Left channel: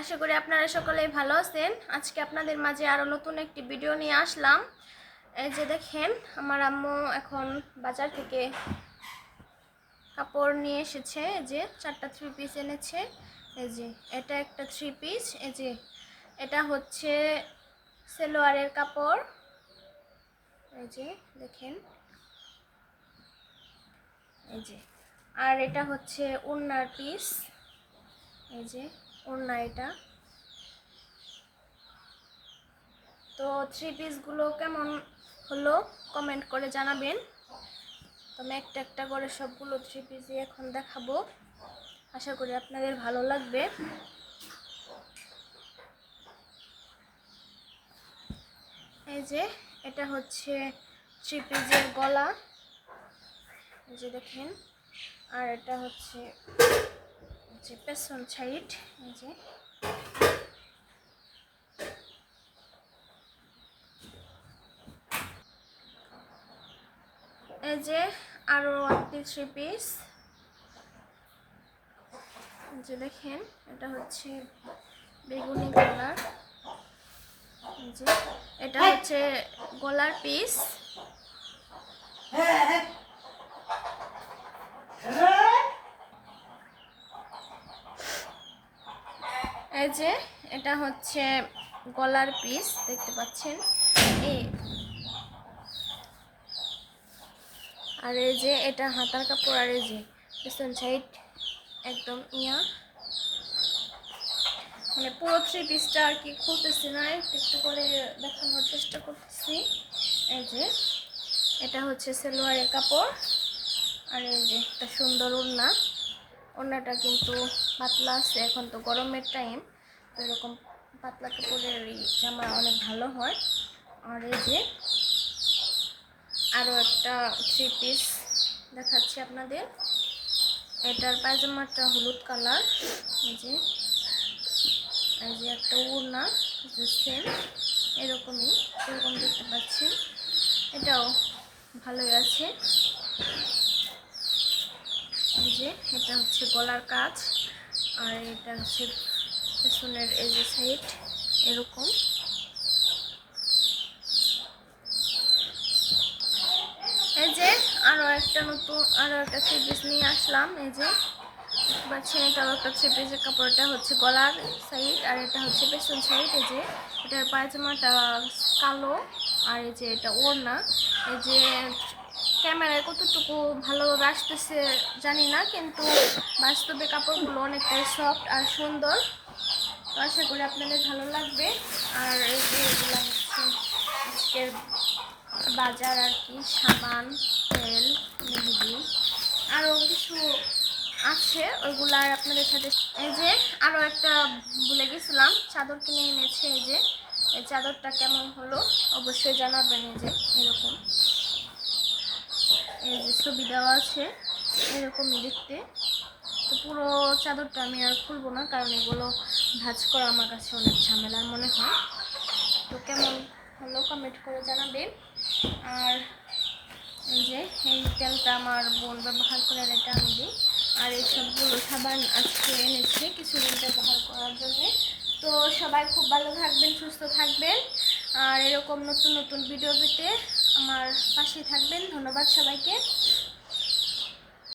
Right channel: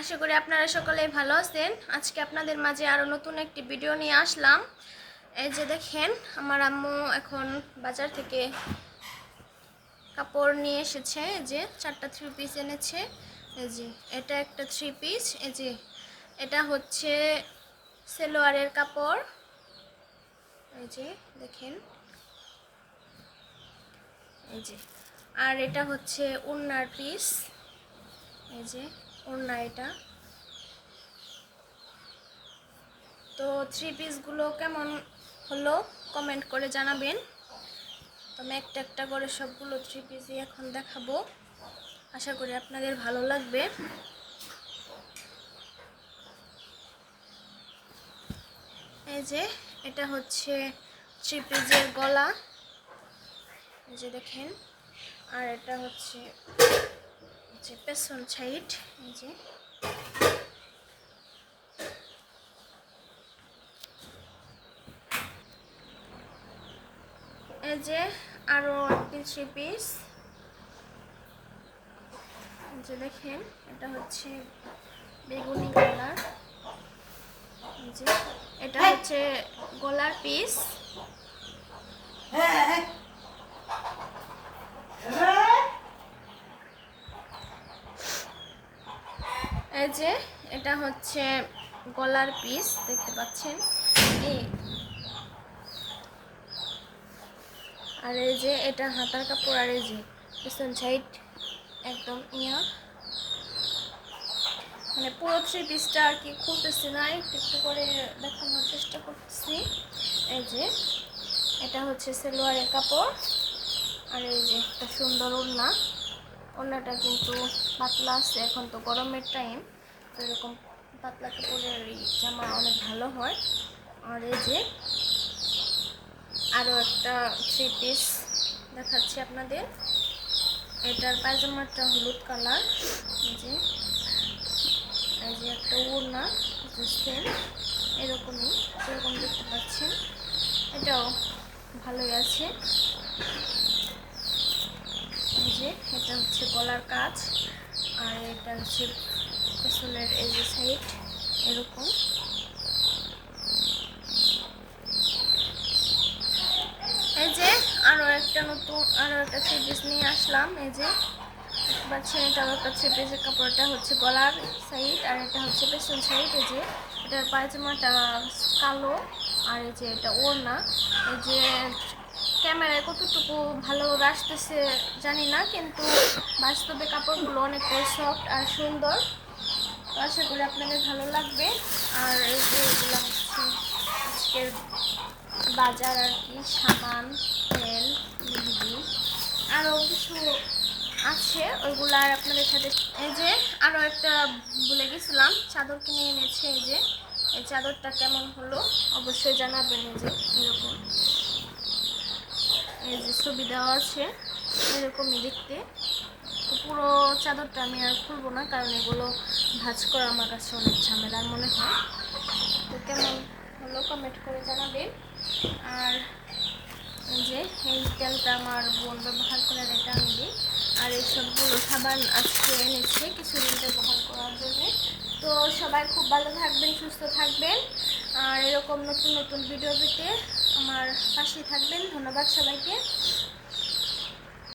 আশা করি আপনারা সকলেই ভালো আছেন। আজকে আপনাদের মাঝে আরও নতুন একটি ভিডিও নিয়ে আসলাম। এই যে দেখেন, আমার আম্মু এখন বাজার থেকে কাপড় নিয়ে এসেছে। এই যে 4টা 3 পিস এনেছে। এই যে এটা একটা 3 পিস। এই যে এটা হচ্ছে সালোয়ারের কাপড়। এই যে দেখেন, এই যে আর এটা হচ্ছে ওড়নার পিস। এই যে ওড়না এটা। তো 3 পিসগুলো কেমন হলো কমেন্ট করে জানাবেন। তো আমি একটা একটা করে সবগুলো 3 পিসই এখন দেখাবো। আশা করি আপনাদের ভালো লাগবে। এই যে এটা হচ্ছে 3 পিসের গলা। এই যে দেখেন, আর এটা হচ্ছে পেছন সাইড। এই যে এই যে আরো একটি 3 পিস। যে দেখেন, এটা হচ্ছে বেগুনি কালার। এই যে এটা হচ্ছে গলার পিস। এই যে এটা হচ্ছে গলার পিস, দেখতে পাচ্ছেন। এই আর এই যে এটা হাতার কাপড়। আর এই যে পেছন সাইড একদম মানে পুরো 3 পিসটা আর কি খুলতেছি না, একটু করে দেখানোর চেষ্টা করতেছি। এই যে এটা হচ্ছে সালোয়ারের কাপড়। আর এই যে একটা সুন্দর ওড়না। ওড়নাটা কিন্তু পাতলা আছে, এখন তো গরমের টাইম, তো এরকম পাতলা কাপড়ের জামা অনেক ভালো হয়। আর এই যে আরও একটা 3 পিস দেখাচ্ছি আপনাদের। এটার পায়জামাটা হলুদ কালার। এই যে একটা ওড়না সেম এরকমই, এরকম দেখতে পাচ্ছেন। এটাও ভালোই আছে। এই যে এটা হচ্ছে গলার কাজ। আর এটা হচ্ছে পেছনের এই যে সাইড এরকম। এই যে আরো একটা 3 পিস নিয়ে আসলাম। এই যে দেখতে পাচ্ছেন, এটাও একটা 3 পিসের কাপড়টা হচ্ছে গলার সাইড, আর এটা হচ্ছে পেছন সাইড। এই যে এটার পায়জামাটা কালো। আর এই যে এটা ওড়না। এই যে ক্যামেরায় কতটুকু ভালোভাবে আসতেছে জানি না, কিন্তু বাস্তবে কাপড়গুলো অনেকটাই সফট আর সুন্দর। তো আশা করি আপনাদের ভালো লাগবে। আর এই যে এগুলো হচ্ছে আজকের বাজার আর কি, সাবান, তেল, মেহেদি, আরও কিছু আছে, ওইগুলো আর আপনাদের সাথে। এই যে আরও একটা ভুলে গেছিলাম, চাদর কিনে এনেছে। এই যে এই চাদরটা কেমন হলো অবশ্যই জানাবেন। এই যে এরকম, এই যে ছবি দেওয়া আছে, এরকমই দেখতে। তো পুরো চাদরটা আমি আর খুলবো না, কারণ এগুলো ভাঁজ করা আমার কাছে অনেক ঝামেলার মনে হয়। তো কেমন হলো কমেন্ট করে জানাবেন। আর এই যে এই তেলটা আমার বোন ব্যবহার করার, এটা আমি দিই। আর এই সবগুলো সাবান আজকে এনেছে কিছুদিন ব্যবহার করার জন্য। তো সবাই খুব ভালো থাকবেন, সুস্থ থাকবেন। আর এরকম নতুন নতুন ভিডিও পেতে আমার পাশে থাকবেন। ধন্যবাদ সবাইকে।